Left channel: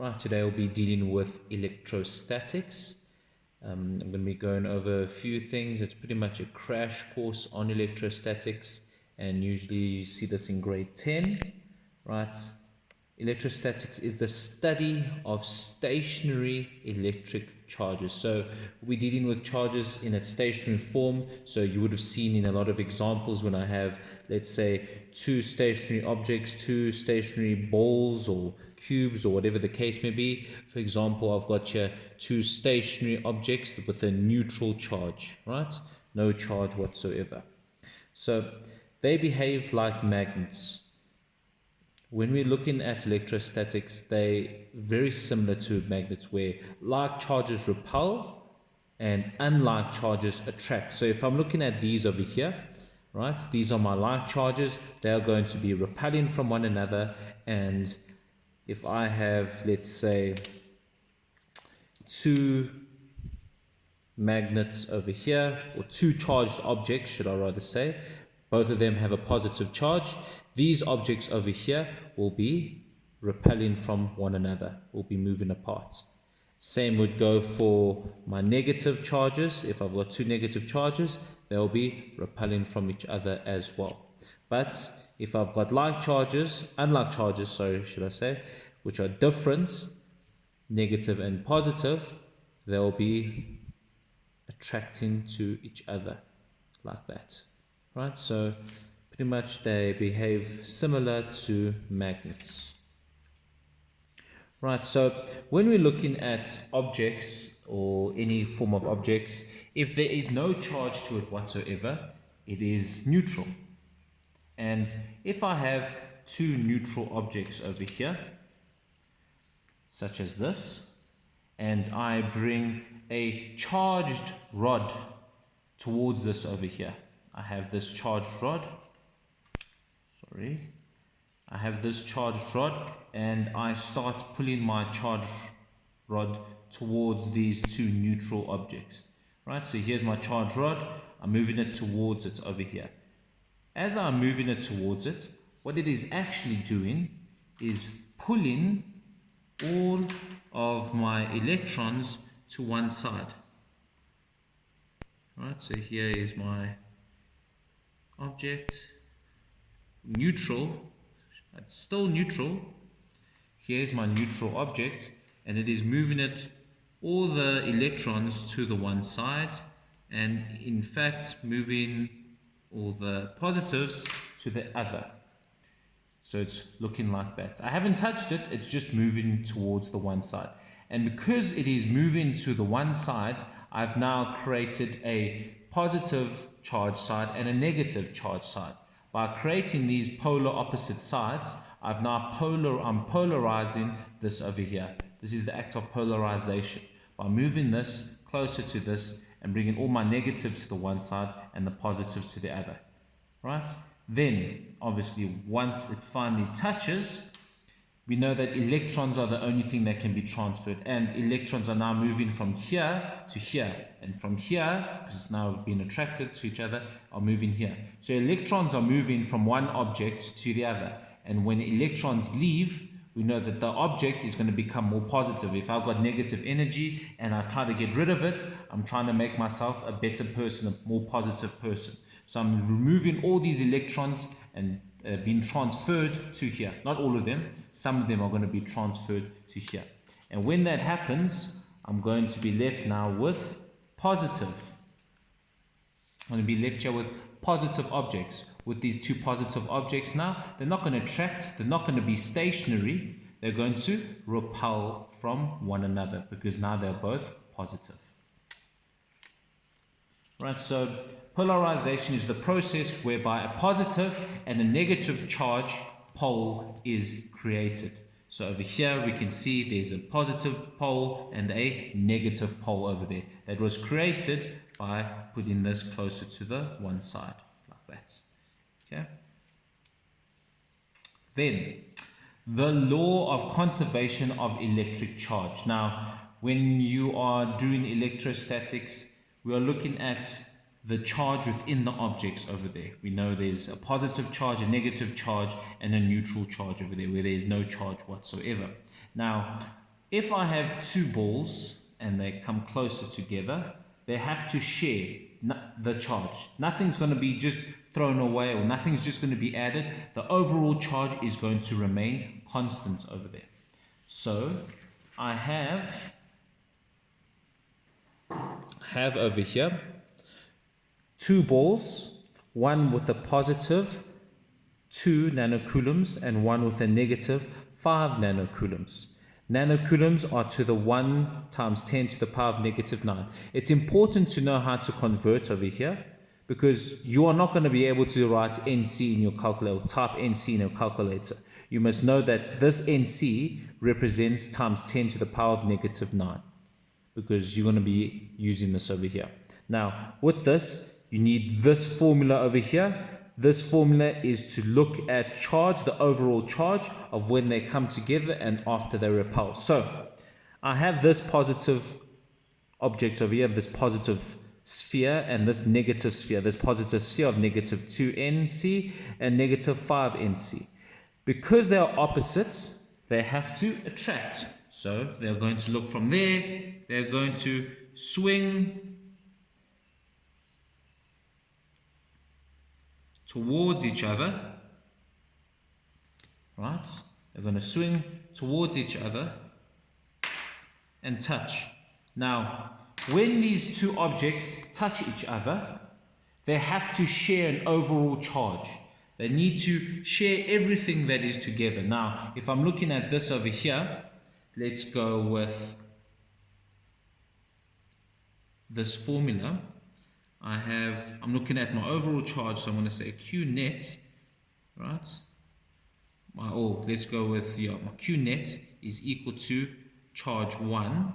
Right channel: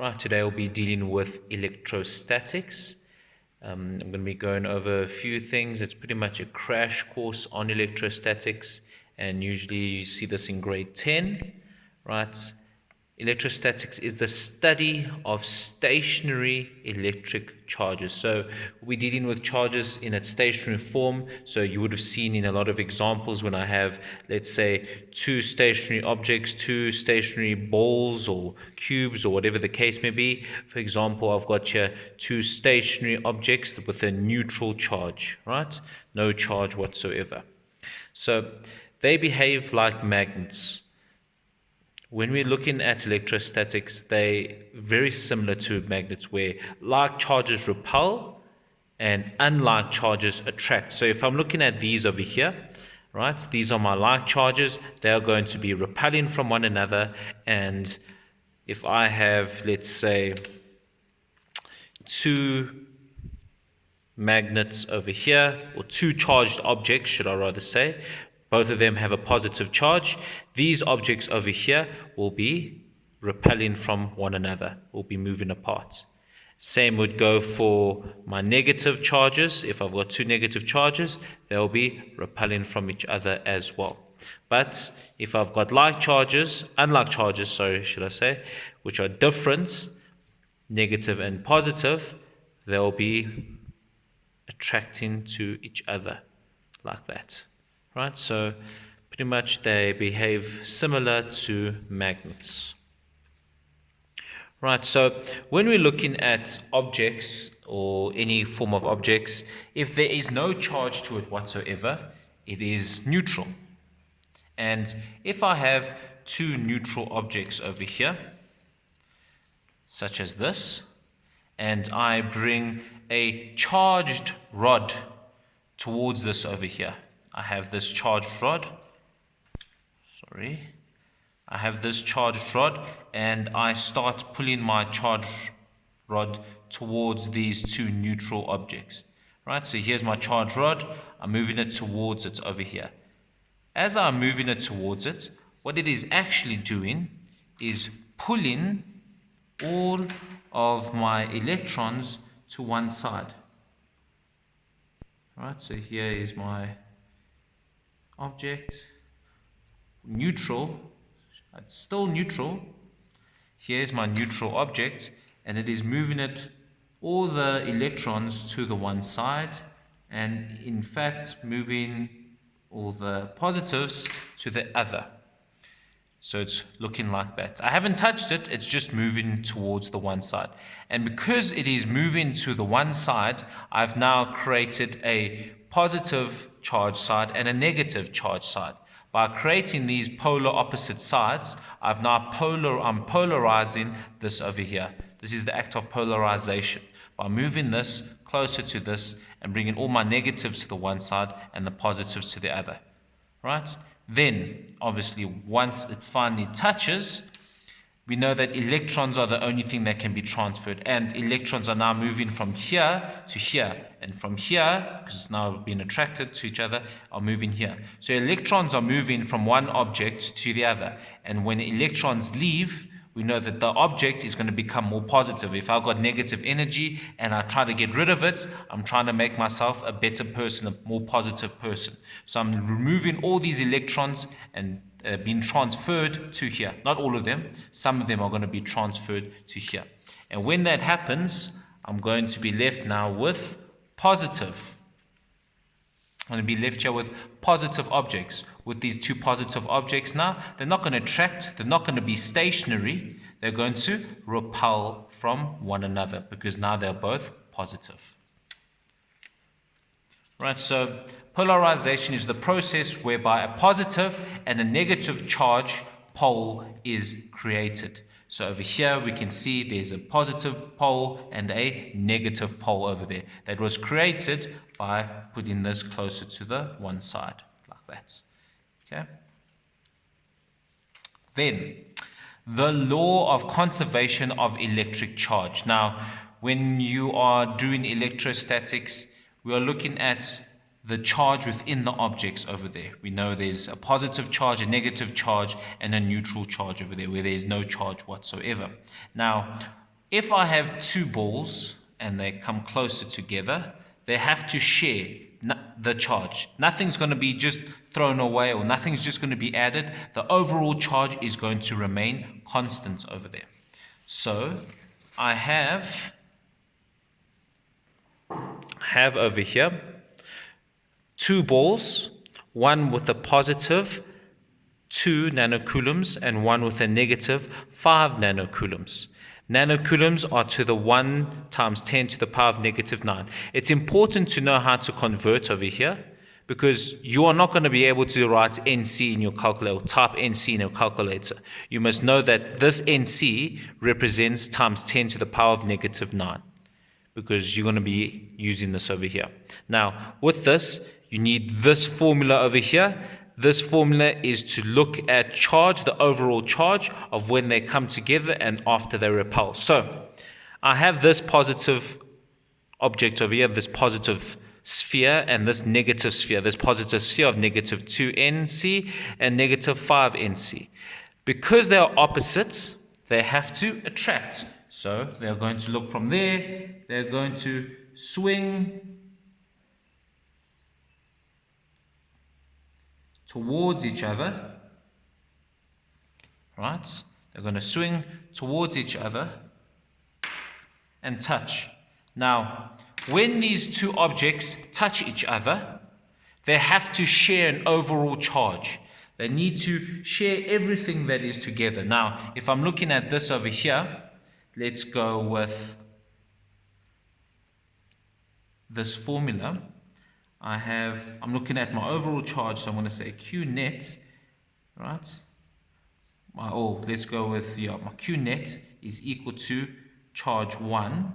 Right, today we'll be dealing with electrostatics. I'm going to be going over a few things. It's pretty much a crash course on electrostatics, and usually you see this in grade 10, right? Electrostatics is the study of stationary electric charges. So we're dealing with charges in its stationary form. So you would have seen in a lot of examples when I have, let's say, two stationary objects, two stationary balls or cubes or whatever the case may be. For example, I've got here two stationary objects with a neutral charge, right? No charge whatsoever. So they behave like magnets. When we're looking at electrostatics, they're very similar to magnets where like charges repel and unlike charges attract. So if I'm looking at these over here, right, these are my like charges, they're going to be repelling from one another. And if I have, let's say, two magnets over here, or two charged objects, should I rather say, both of them have a positive charge. These objects over here will be repelling from one another, will be moving apart. Same would go for my negative charges. If I've got two negative charges, they'll be repelling from each other as well. But if I've got unlike charges, should I say, which are different, negative and positive, they'll be attracting to each other like that. Right, so pretty much they behave similar to magnets. Right, so when we're looking at objects or any form of objects, if there is no charge to it whatsoever, it is neutral. And if I have two neutral objects over here, such as this, and I bring a charged rod towards this over here, I have this charged rod, I have this charged rod, and I start pulling my charged rod towards these two neutral objects, right? So here's my charged rod, I'm moving it towards it over here. As I'm moving it towards it, what it is actually doing is pulling all of my electrons to one side, right? So here is my object, neutral, it's still neutral. Here's my neutral object, and it is moving it, all the electrons to the one side, and in fact moving all the positives to the other. So it's looking like that. I haven't touched it, it's just moving towards the one side. And because it is moving to the one side, I've now created a positive charge side and a negative charge side. By creating these polar opposite sides, I'm polarizing this over here. This is the act of polarization. By moving this closer to this and bringing all my negatives to the one side and the positives to the other, right? Then, obviously, once it finally touches, we know that electrons are the only thing that can be transferred, and electrons are now moving from here to here, and from here, because it's now being attracted to each other, are moving here. So electrons are moving from one object to the other, and when electrons leave, we know that the object is going to become more positive. If I've got negative energy and I try to get rid of it, I'm trying to make myself a better person, a more positive person. So I'm removing all these electrons and being transferred to here. Not all of them. Some of them are going to be transferred to here. And when that happens, I'm going to be left now with positive. I'm going to be left here with positive objects. With these two positive objects now, they're not going to attract, they're not going to be stationary, they're going to repel from one another because now they're both positive. Right, so polarization is the process whereby a positive and a negative charge pole is created. So over here we can see there's a positive pole and a negative pole over there that was created by putting this closer to the one side like that. Okay. Then the law of conservation of electric charge. Now, when you are doing electrostatics, we are looking at the charge within the objects over there. We know there's a positive charge, a negative charge, and a neutral charge over there where there's no charge whatsoever. Now, if I have two balls and they come closer together, they have to share the charge. Nothing's going to be just thrown away, or nothing's just going to be added. The overall charge is going to remain constant over there. So I have over here two balls, one with a positive 2 nanocoulombs and one with a negative 5 nanocoulombs. Nanocoulombs are to the 1 times 10 to the power of negative 9. It's important to know how to convert over here, because you are not going to be able to write NC in your calculator, or type NC in your calculator. You must know that this NC represents times 10 to the power of negative 9, because you're going to be using this over here. Now, with this, you need this formula over here. This formula is to look at charge, the overall charge of when they come together and after they repel. So I have this positive object over here, this positive sphere, and this negative sphere, this positive sphere of negative 2 NC and negative 5 NC. Because they are opposites, they have to attract. So they're going to look from there, they're going to swing towards each other, right? They're going to swing towards each other and touch. Now, when these two objects touch each other, they have to share an overall charge. They need to share everything that is together. Now, if I'm looking at this over here, let's go with this formula. I'm looking at my overall charge, so I'm going to say Q net, right? Let's go with, my Q net is equal to charge 1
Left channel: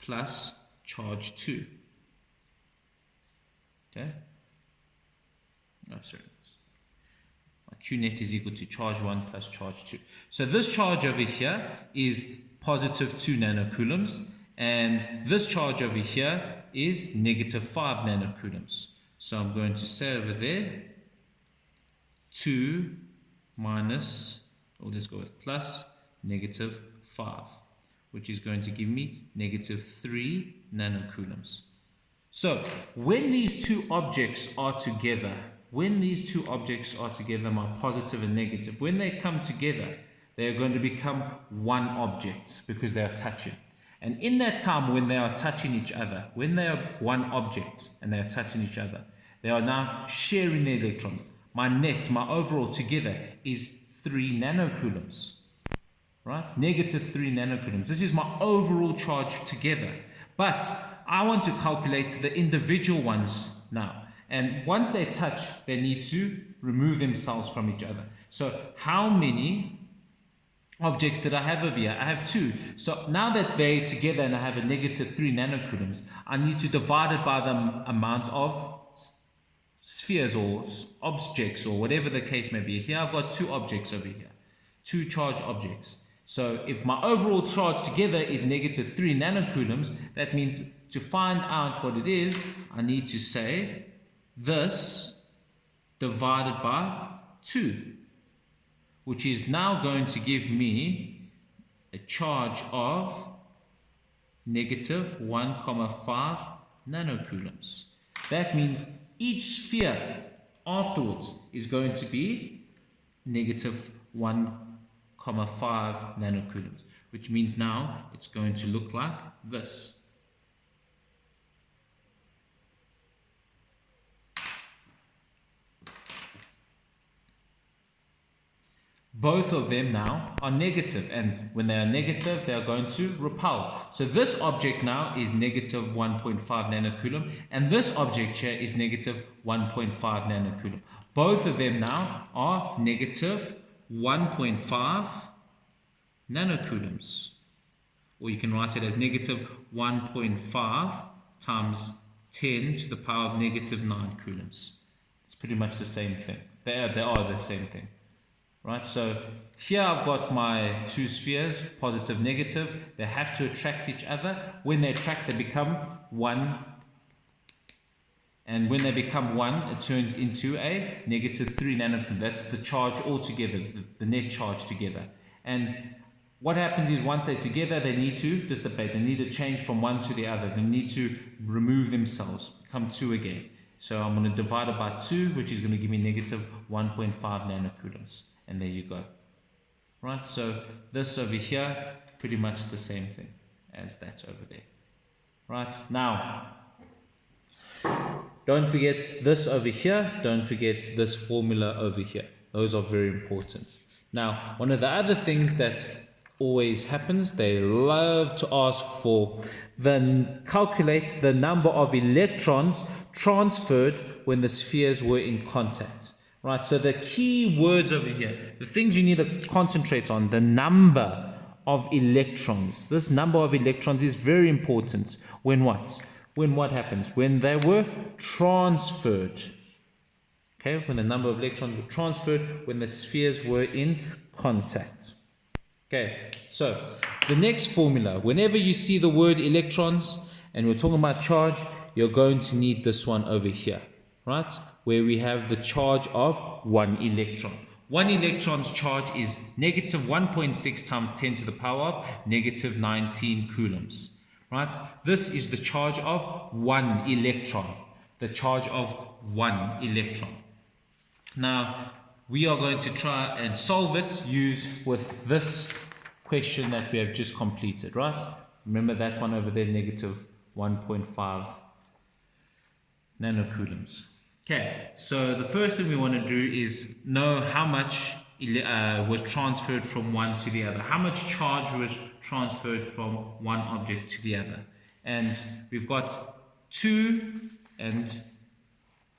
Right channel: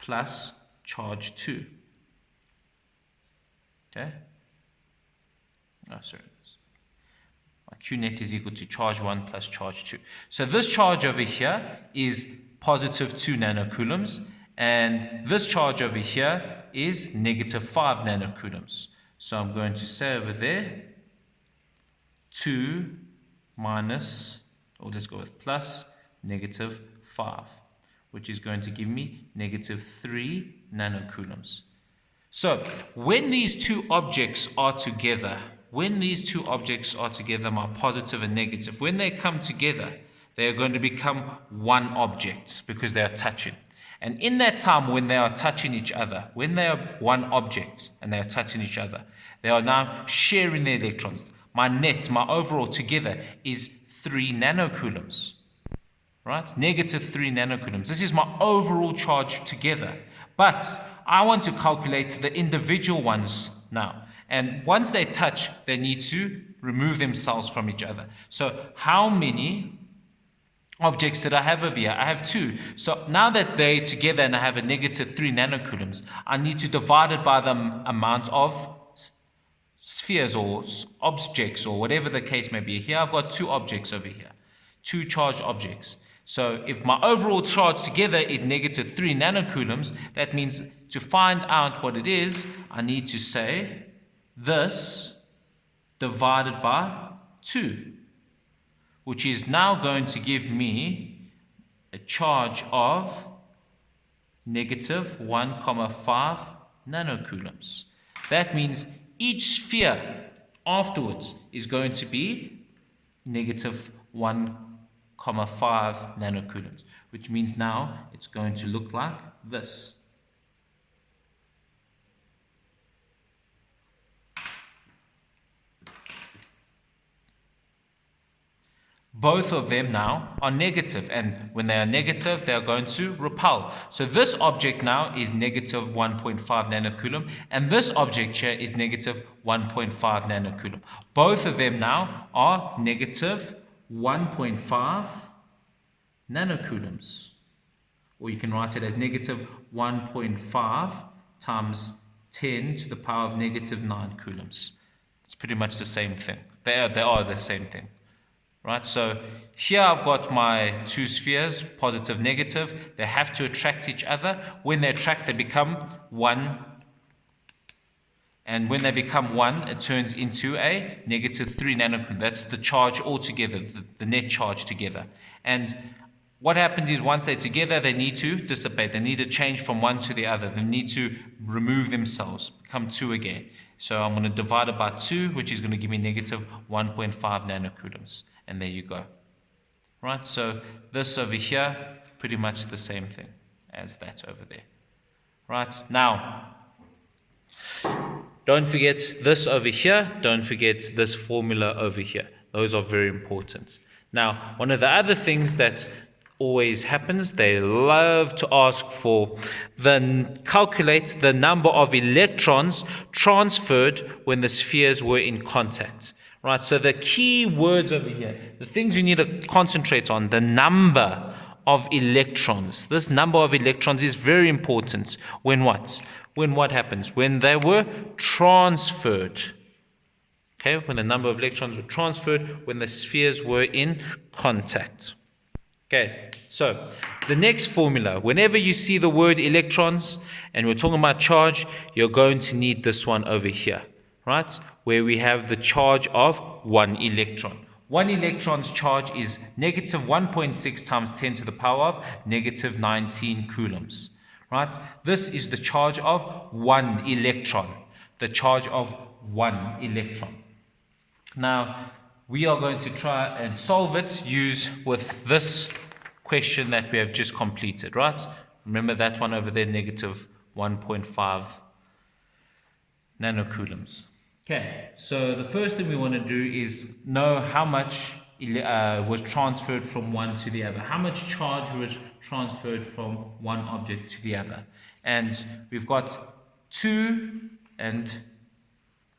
plus charge 2. Okay? My Q net is equal to charge 1 plus charge 2. So this charge over here is positive 2 nanocoulombs, and this charge over here is negative 5 nanocoulombs. So I'm going to say over there 2 minus, or let's go with plus, negative 5, which is going to give me negative 3 nanocoulombs. So when these two objects are together, my positive and negative, when they come together, they are going to become one object because they are touching. And in that time when they are touching each other, when they are one object and they are touching each other, they are now sharing their electrons. My net, my overall together is 3 nanocoulombs, right? Negative 3 nanocoulombs. This is my overall charge together. But I want to calculate the individual ones now. And once they touch, they need to remove themselves from each other. So how many objects did I have over here? I have 2. So now that they're together and I have a negative 3 nanocoulombs, I need to divide it by the amount of spheres or objects or whatever the case may be. Here I've got 2 objects over here, 2 charged objects. So if my overall charge together is negative 3 nanocoulombs, that means to find out what it is, I need to say this divided by 2. Which is now going to give me a charge of negative 1,5 nanocoulombs. That means each sphere afterwards is going to be negative 1,5 nanocoulombs, which means now it's going to look like this. Both of them now are negative, and when they are negative, they are going to repel. So this object now is negative 1.5 nanocoulomb, and this object here is negative 1.5 nanocoulomb. Both of them now are negative 1.5 nanocoulombs. Or you can write it as negative 1.5 times 10 to the power of negative 9 coulombs. It's pretty much the same thing. They are the same thing. Right, so here I've got my 2 spheres, positive, negative. They have to attract each other. When they attract, they become 1. And when they become 1, it turns into a negative 3 nanocoulomb. That's the charge altogether, the net charge together. And what happens is once they're together, they need to dissipate. They need to change from one to the other. They need to remove themselves, become 2 again. So I'm going to divide it by 2, which is going to give me negative 1.5 nanocoulombs. And there you go. Right, so this over here, pretty much the same thing as that over there. Right, now, don't forget this over here. Don't forget this formula over here. Those are very important. Now, one of the other things that always happens, they love to ask for calculate the number of electrons transferred when the spheres were in contact. Right, so the key words over here, the things you need to concentrate on, the number of electrons. This number of electrons is very important when what? When what happens? When they were transferred. Okay, when the number of electrons were transferred, when the spheres were in contact. Okay, so the next formula, whenever you see the word electrons and we're talking about charge, you're going to need this one over here, right? Where we have the charge of 1 electron. 1 electron's charge is negative 1.6 times 10 to the power of negative 19 coulombs, right? This is the charge of 1 electron, the charge of 1 electron. Now, we are going to try and solve it with this question that we have just completed, right? Remember that one over there, negative 1.5 nanocoulombs. Okay, so the first thing we want to do is know how much was transferred from one to the other. How much charge was transferred from one object to the other? And we've got 2 and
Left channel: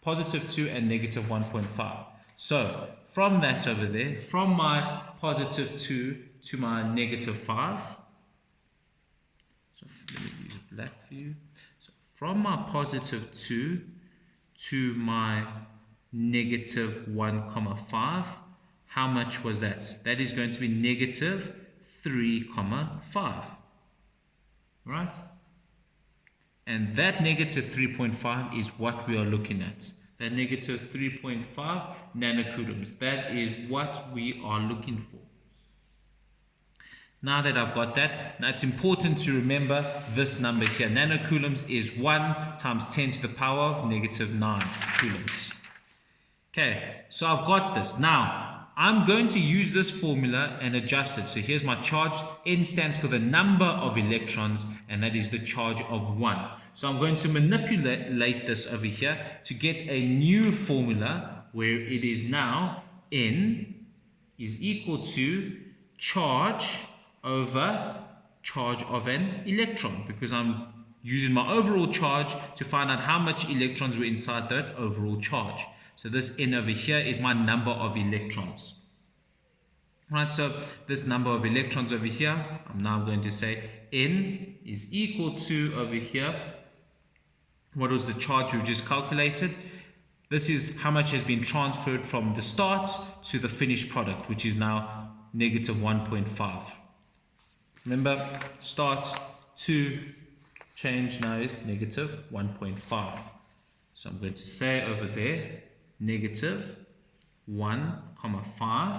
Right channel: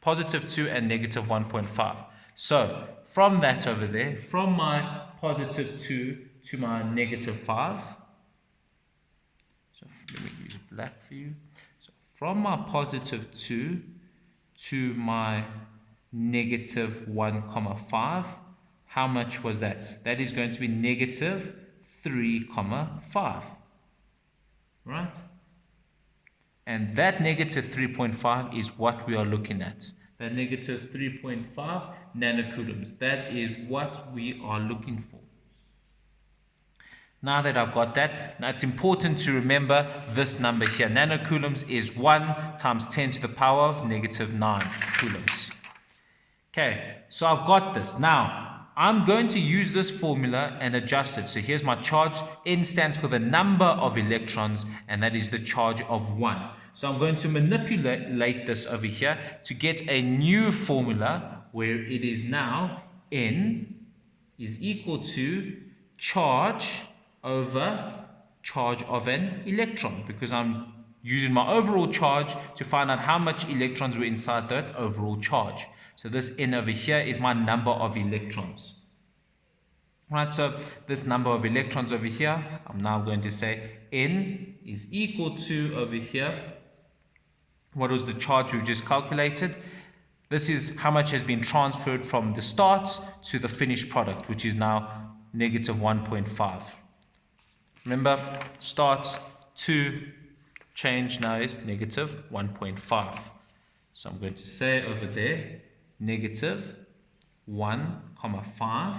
positive 2 and negative 1.5. So from that over there, from my positive 2 to my negative 5. So let me use black for you. So from my positive 2 to my negative 1,5, how much was that? That is going to be negative 3,5, right? And that negative 3.5 is what we are looking at. That negative 3.5 nanocoulombs. That is what we are looking for. Now that I've got that, now it's important to remember this number here. Nanocoulombs is 1 times 10 to the power of negative 9 coulombs. Okay, so I've got this. Now, I'm going to use this formula and adjust it. So here's my charge. N stands for the number of electrons, and that is the charge of 1. So I'm going to manipulate this over here to get a new formula where it is now N is equal to charge over charge of an electron, because I'm using my overall charge to find out how much electrons were inside that overall charge. So this N over here is my number of electrons. Right, so this number of electrons over here, I'm now going to say N is equal to over here, what was the charge we've just calculated? This is how much has been transferred from the start to the finished product, which is now negative 1.5. Remember, start to change now is negative 1.5. So I'm going to say over there, negative 1,5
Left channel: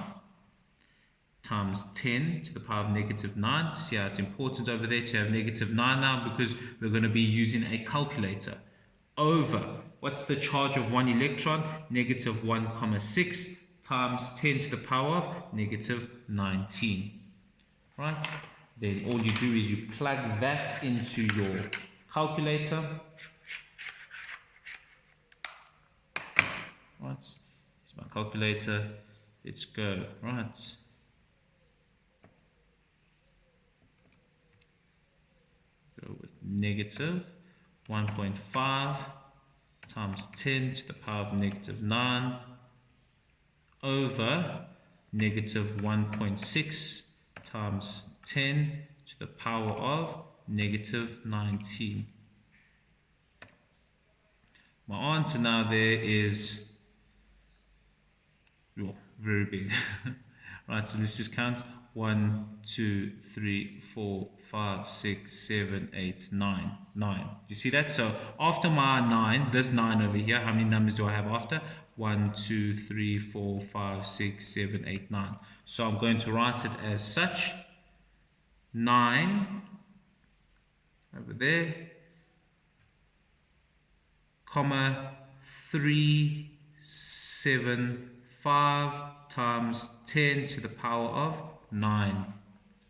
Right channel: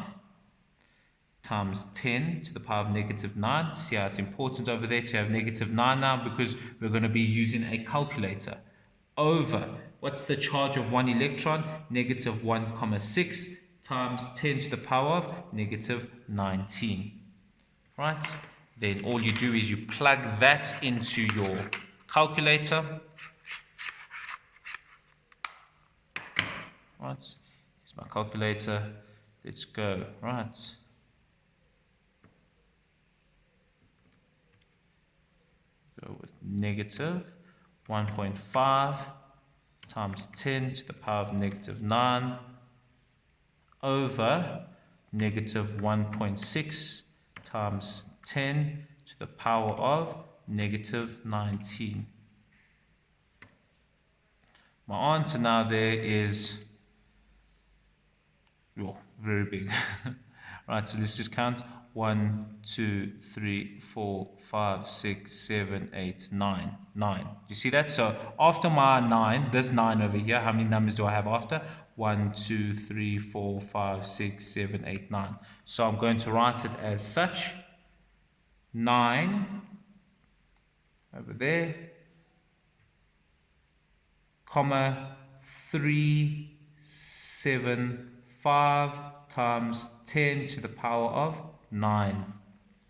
times 10 to the power of negative 9. See how it's important over there to have negative 9 now, because we're going to be using a calculator. Over, what's the charge of 1 electron? Negative 1,6 times 10 to the power of negative 19. Right? Then all you do is you plug that into your calculator. Right? Here's my calculator. Let's go. Right. Go with negative 1.5 times 10 to the power of negative 9 over negative 1.6 times 10 to the power of negative 19. My answer now there is very big. Right, so let's just count. 1, 2, 3, 4, 5, 6, 7, 8, 9. 9. You see that? So after my 9, this 9 over here, how many numbers do I have after? 1, 2, 3, 4, 5, 6, 7, 8, 9. So I'm going to write it as such. 9 over there, comma 375 times 10 to the power of 9,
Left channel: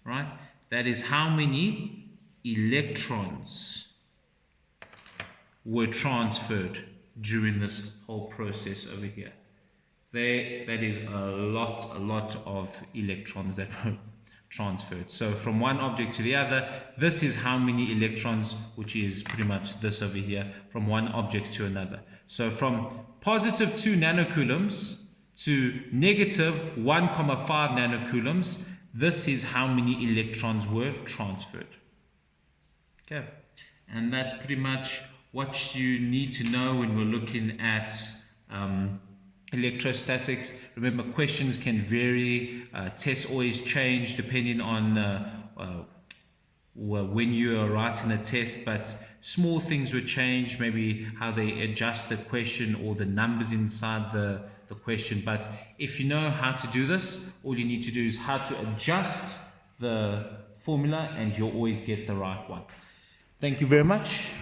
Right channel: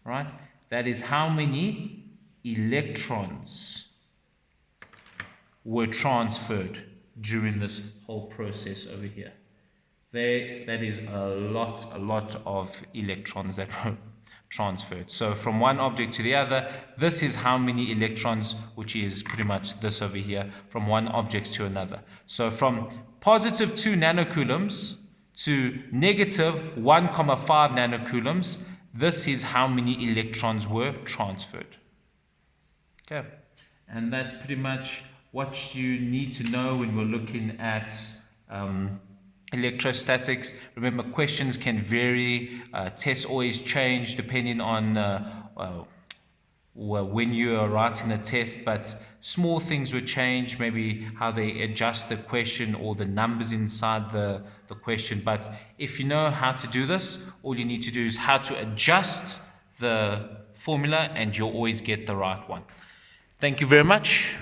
right? That is how many electrons were transferred during this whole process over here. That is a lot of electrons that were transferred. So from one object to the other, this is how many electrons, which is pretty much this over here, from one object to another. So from positive 2 nanocoulombs to negative 1,5 nanocoulombs, this is how many electrons were transferred. Okay, and that's pretty much what you need to know when we're looking at electrostatics. Remember, questions can vary, tests always change depending on when you are writing a test, but small things will change, maybe how they adjust the question or the numbers inside the question. But if you know how to do this, all you need to do is how to adjust the formula and you'll always get the right one. Thank you very much.